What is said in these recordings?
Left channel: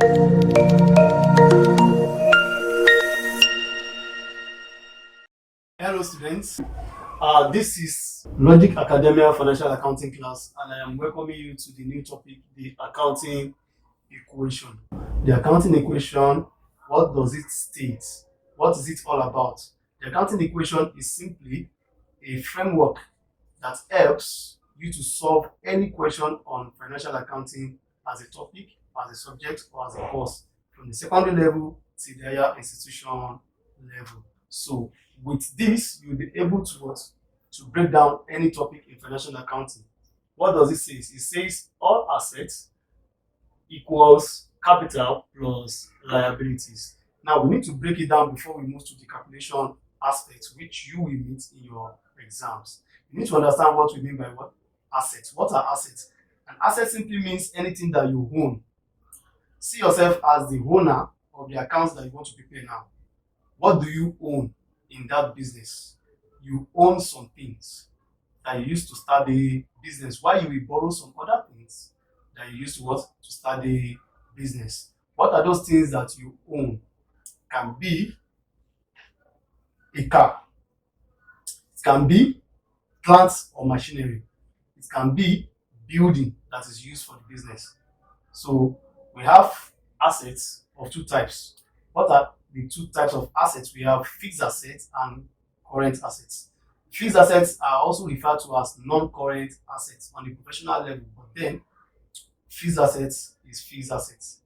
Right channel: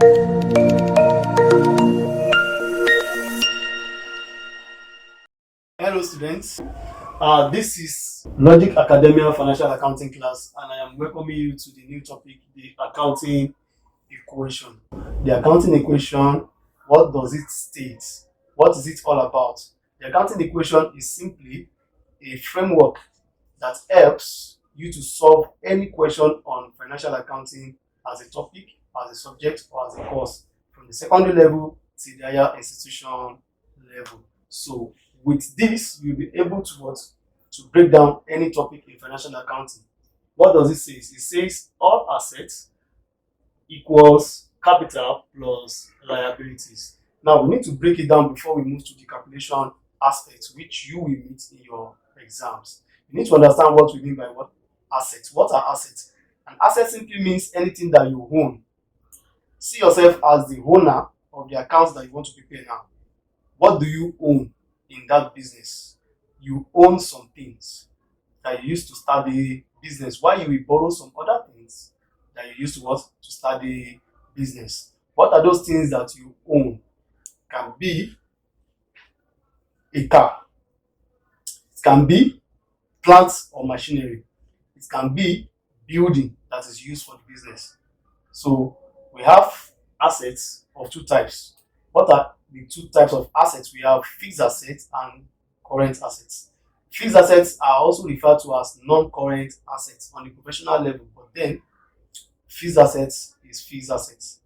Hello, students. This is Logic Academia Financial Accounting class, and I am welcoming you to the new topic, the accounting equation. The accounting equation, what does it state? What is it all about? The accounting equation is simply a framework that helps you to solve any question on financial accounting as a topic, as a subject, or as a course from the secondary level to the higher institution level. So with this, you'll be able to what? To break down any topic in financial accounting. What does it say? It says all assets equals capital plus liabilities. Now we need to break it down before we move to the calculation aspect, which you will meet in your exams. You need to understand what we mean by what assets. What are assets? An asset simply means anything that you own. See yourself as the owner of the accounts that you want to prepare now. What do you own in that business? You own some things that you used to start the business, while you will borrow some other things that you used to what? To start the business. What are those things that you own? Can be a car, it can be plants or machinery, it can be building that is used for the business. So we have assets of two types. What are the two types of assets? We have fixed assets and current assets. Fixed assets are also referred to as non-current assets on the professional level, but then fixed assets is fixed assets.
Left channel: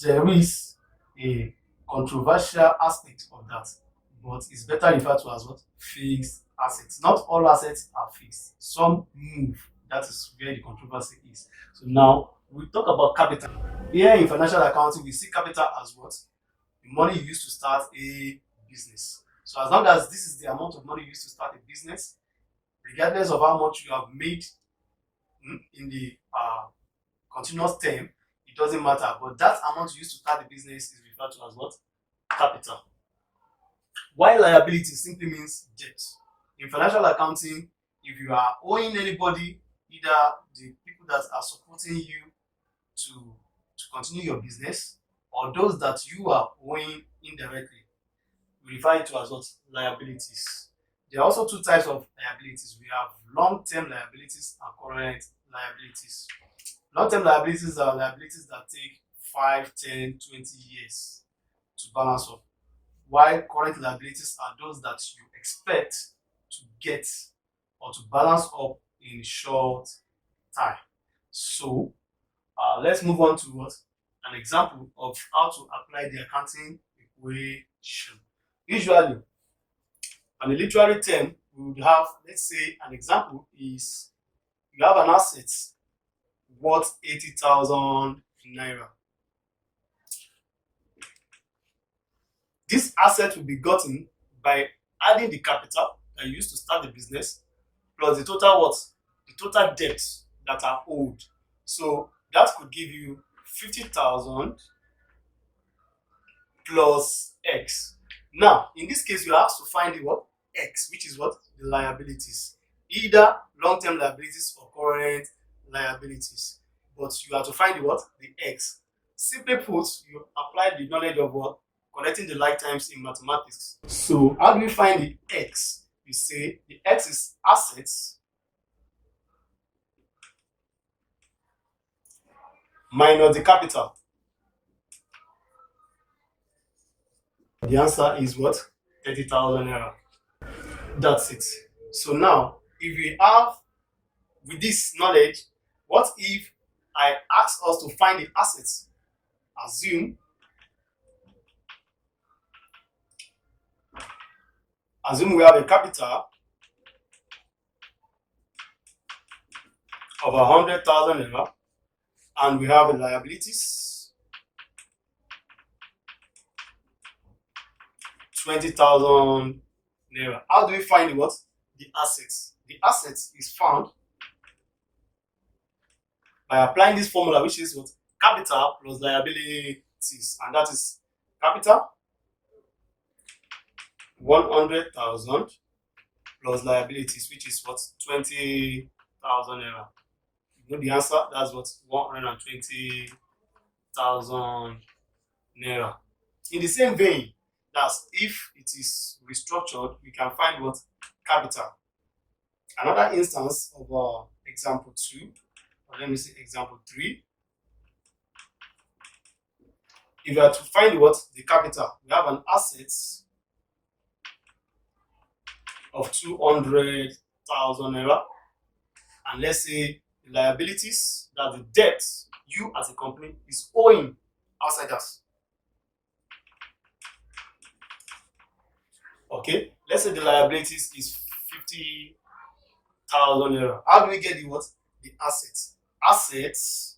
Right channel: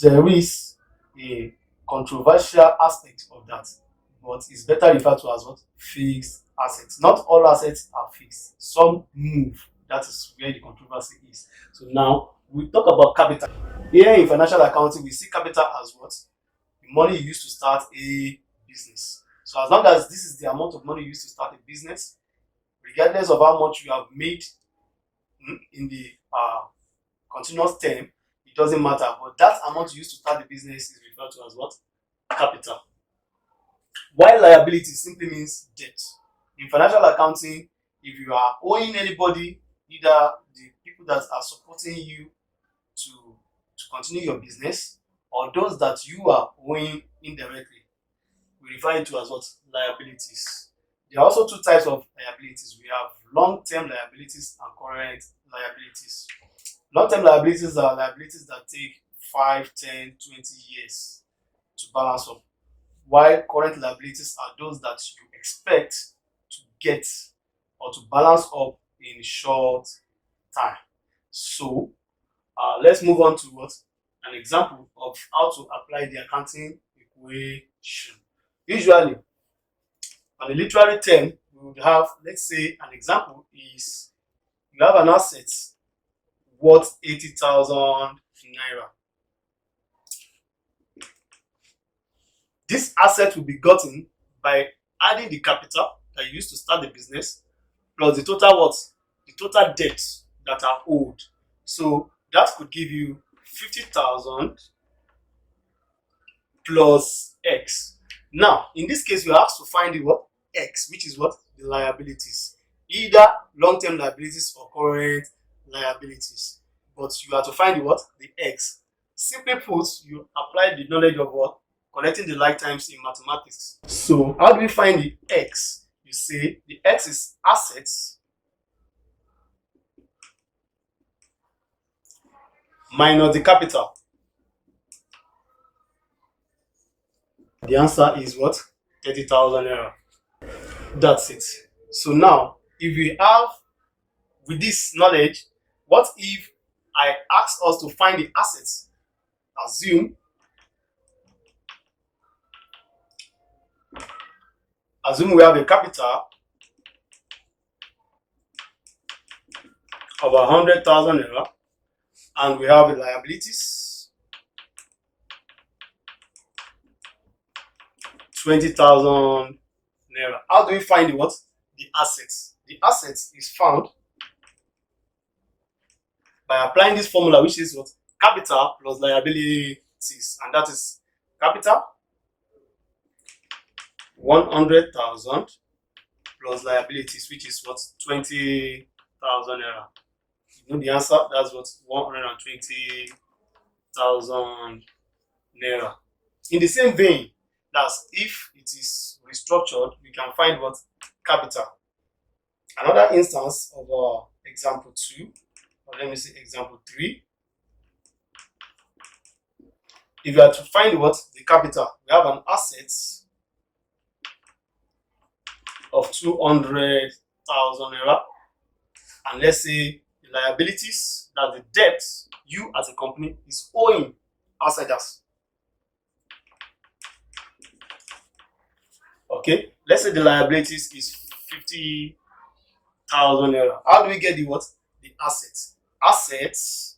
There is a controversial aspect of that, but it's better referred to as what? Fixed assets. Not all assets are fixed. Some move. That is where the controversy is. So now we talk about capital. Here in financial accounting, we see capital as what? The money you use to start a business. So as long as this is the amount of money you use to start a business, regardless of how much you have made in the continuous term, it doesn't matter. But that amount you use to start the business is referred to as what? Capital. While liability simply means debt. In financial accounting, if you are owing anybody, either the people that are supporting you to continue your business or those that you are owing indirectly, we refer it to as what? Liabilities. There are also two types of liabilities. We have long-term liabilities and current liabilities. Long-term liabilities are liabilities that take 5, 10, 20 years to balance up, while current liabilities are those that you expect to get or to balance up in short time. So let's move on to what? An example of how to apply the accounting equation. Usually, on a literary term, we would have, let's say, an example is you have an asset worth 80,000 naira. This asset will be gotten by adding the capital that you used to start the business plus the total what? The total debt that are owed. So that could give you 50,000 plus X. Now, in this case, you have to find the what? X, which is what? The liabilities. Either long-term liabilities or current liabilities. But you have to find the what? The X. Simply put, you apply the knowledge of what? Connecting the lifetimes in mathematics. So how do we find the X? You say the X is assets minus the capital. The answer is what? 30,000 naira. That's it. So now, if we have with this knowledge, what if I ask us to find the assets? Assume we have a capital of 100,000 naira and we have liabilities 20,000 naira. How do we find the what? The assets. The assets is found by applying this formula, which is what? Capital plus liabilities, and that is capital 100,000 plus liabilities, which is what? 20,000 naira. You know the answer. That's what? 120,000 thousand naira. In the same vein, that's if it is restructured, we can find what? Capital. Another instance of example 2, or let me say example 3. If you are to find what? The capital, we have an asset of 200,000 naira, and let's say the liabilities, that the debt you as a company is owing outsiders. Okay, let's say the liabilities is 50,000 naira. How do we get the what? The assets. Assets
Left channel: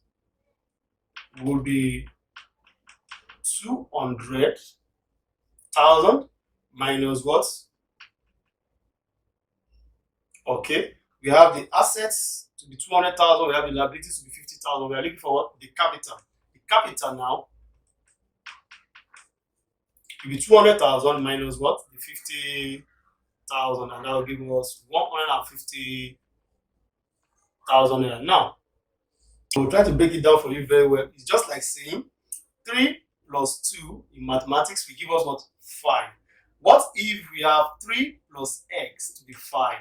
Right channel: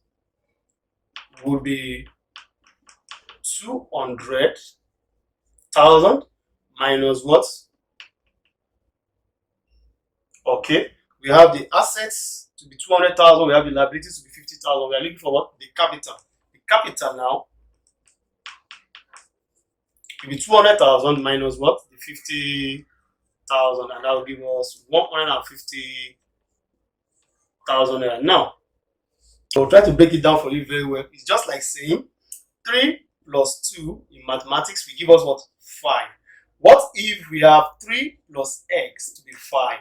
will be 200,000 minus what? Okay, we have the assets to be 200,000, we have the liabilities to be 50,000. We are looking for what? The capital. The capital now will be 200,000 minus what? The 50,000, and that will give us 150,000 naira. Now, I'll try to break it down for you very well. It's just like saying 3 plus 2 in mathematics will give us what? 5. What if we have 3 plus x to be 5?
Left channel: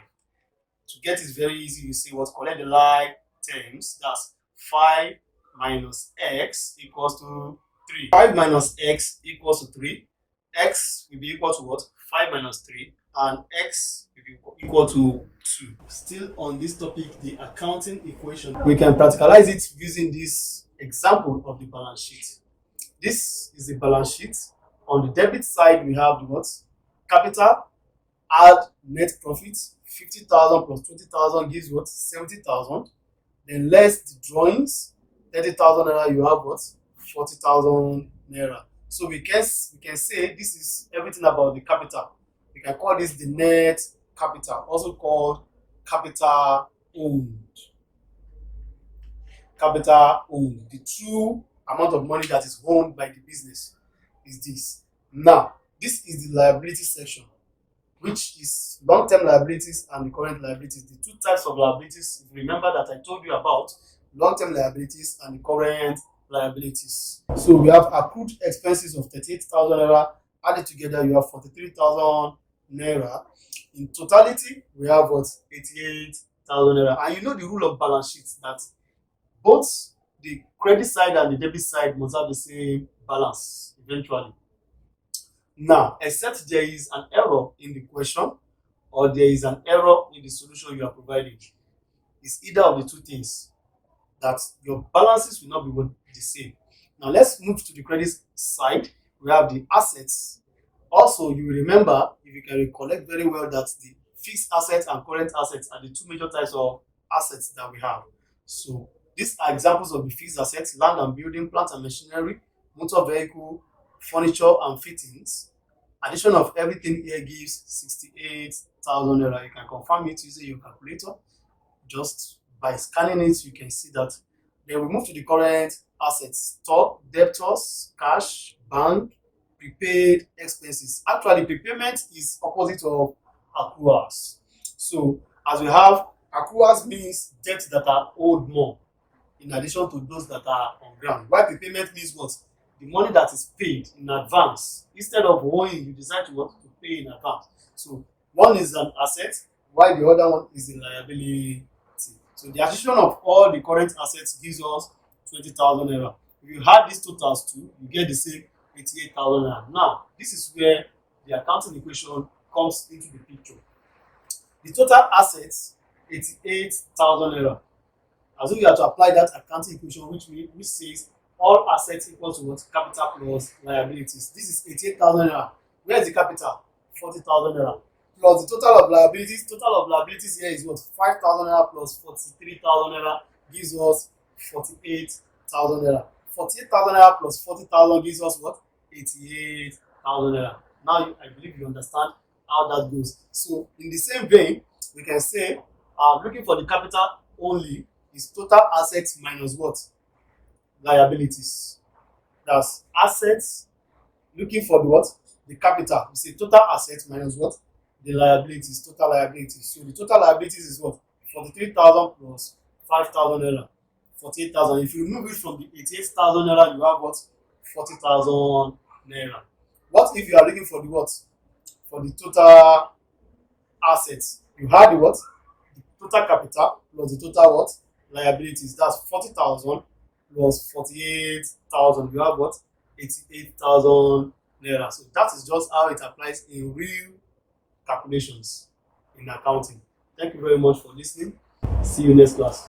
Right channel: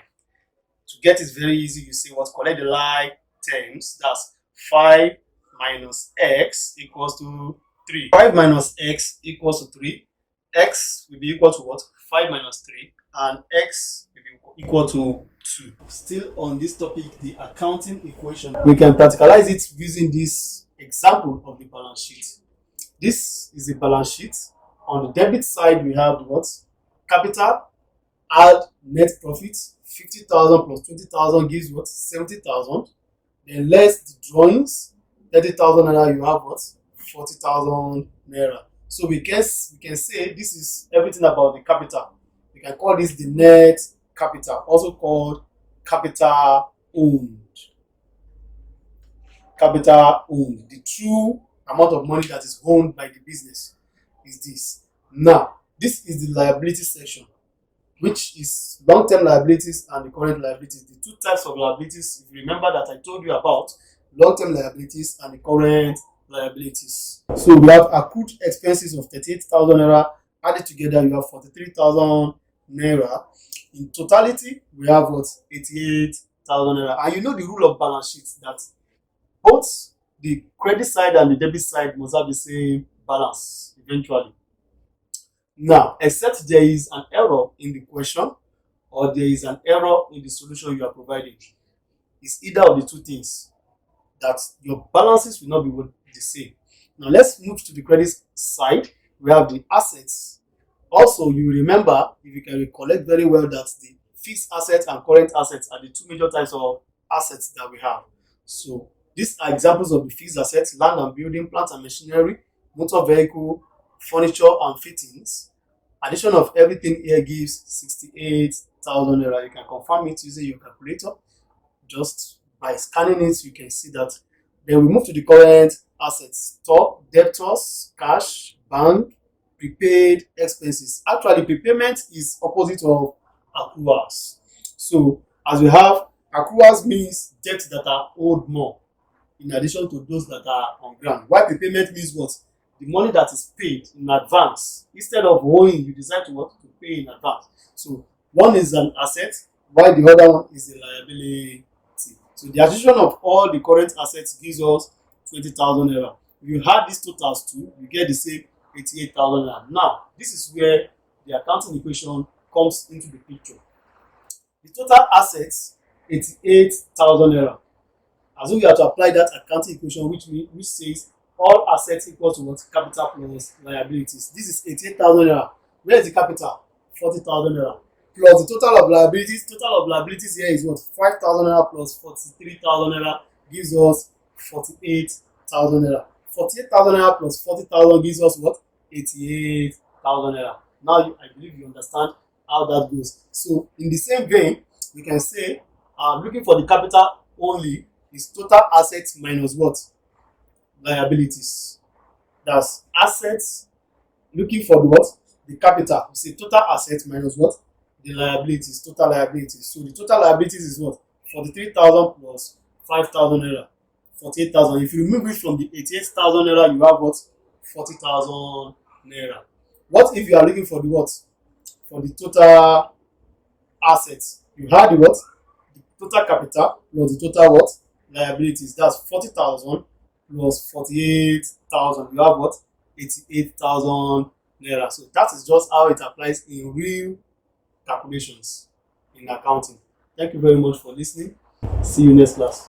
To get it very easy, you say what? Collect the like terms. That's 5 minus x equals to 3. 5 minus x equals to 3. X will be equal to what? 5 minus 3. And x will be equal to 2. Still on this topic, the accounting equation, we can practicalize it using this example of the balance sheet. This is the balance sheet. On the debit side, we have the what? Capital, add net profit. 50,000 plus 20,000 gives what? 70,000. Then less the drawings, 30,000 naira, you have what? 40,000 naira. So we can say this is everything about the capital. We can call this the net capital, also called capital owned. Capital owned. The true amount of money that is owned by the business is this. Now, this is the liability section, which is long-term liabilities and the current liabilities. The two types of liabilities, if you remember that I told you about, long-term liabilities and the current liabilities. So we have accrued expenses of 38,000 naira. Added together, you have 43,000 naira. In totality, we have what? 88,000 naira. And you know the rule of balance sheets, that both the credit side and the debit side must have the same balance eventually. Now, except there is an error in the question or there is an error in the solution you are providing, it's either of the two things that your balances will not be the same. Now, let's move to the credit side. We have the assets. Also, you will remember, if you can recollect very well, that the fixed assets and current assets are the two major types of assets that we have. So, these are examples of the fixed assets: land and building, plant and machinery, motor vehicle, furniture and fittings. Addition of everything here gives 68,000 naira. You can confirm it using your calculator. Just by scanning it, you can see that. Then we move to the current assets: stock, debtors, cash, bank, prepaid expenses. Actually, prepayment is opposite of accruals. So, as we have, accruals means debts that are owed more in addition to those that are on ground. While prepayment means what? The money that is paid in advance. Instead of owing, you decide to what? To pay in advance. So one is an asset, while the other one is a liability. So the addition of all the current assets gives us 20,000 naira. If you add these totals too, you get the same 88,000 naira. Now, this is where the accounting equation comes into the picture. The total assets, 88,000 naira. As we have to apply that accounting equation, which says all assets equal to what? Capital plus liabilities. This is 88,000 naira. Where is the capital? 40,000 naira. Plus the total of liabilities. Total of liabilities here is what? 5,000 naira plus 43,000 naira gives us 48,000 naira. 48,000 naira plus 40,000 gives us what? 88,000 naira. Now, I believe you understand how that goes. So, in the same vein, we can say, looking for the capital only is total assets minus what? Liabilities. That's assets. Looking for the what? The capital. We say total assets minus what? The liabilities. Total liabilities. So the total liabilities is what? 43,000 plus 5,000 naira. 48,000. If you remove it from the 88,000 naira, you have what? 40,000 naira. What if you are looking for the what? For the total assets. You had the what? The total capital plus the total what? Liabilities. That's 40,000 plus 48,000. You have what? 88,000 naira. So that is just how it applies in real calculations in accounting. Thank you very much for listening. See you next class.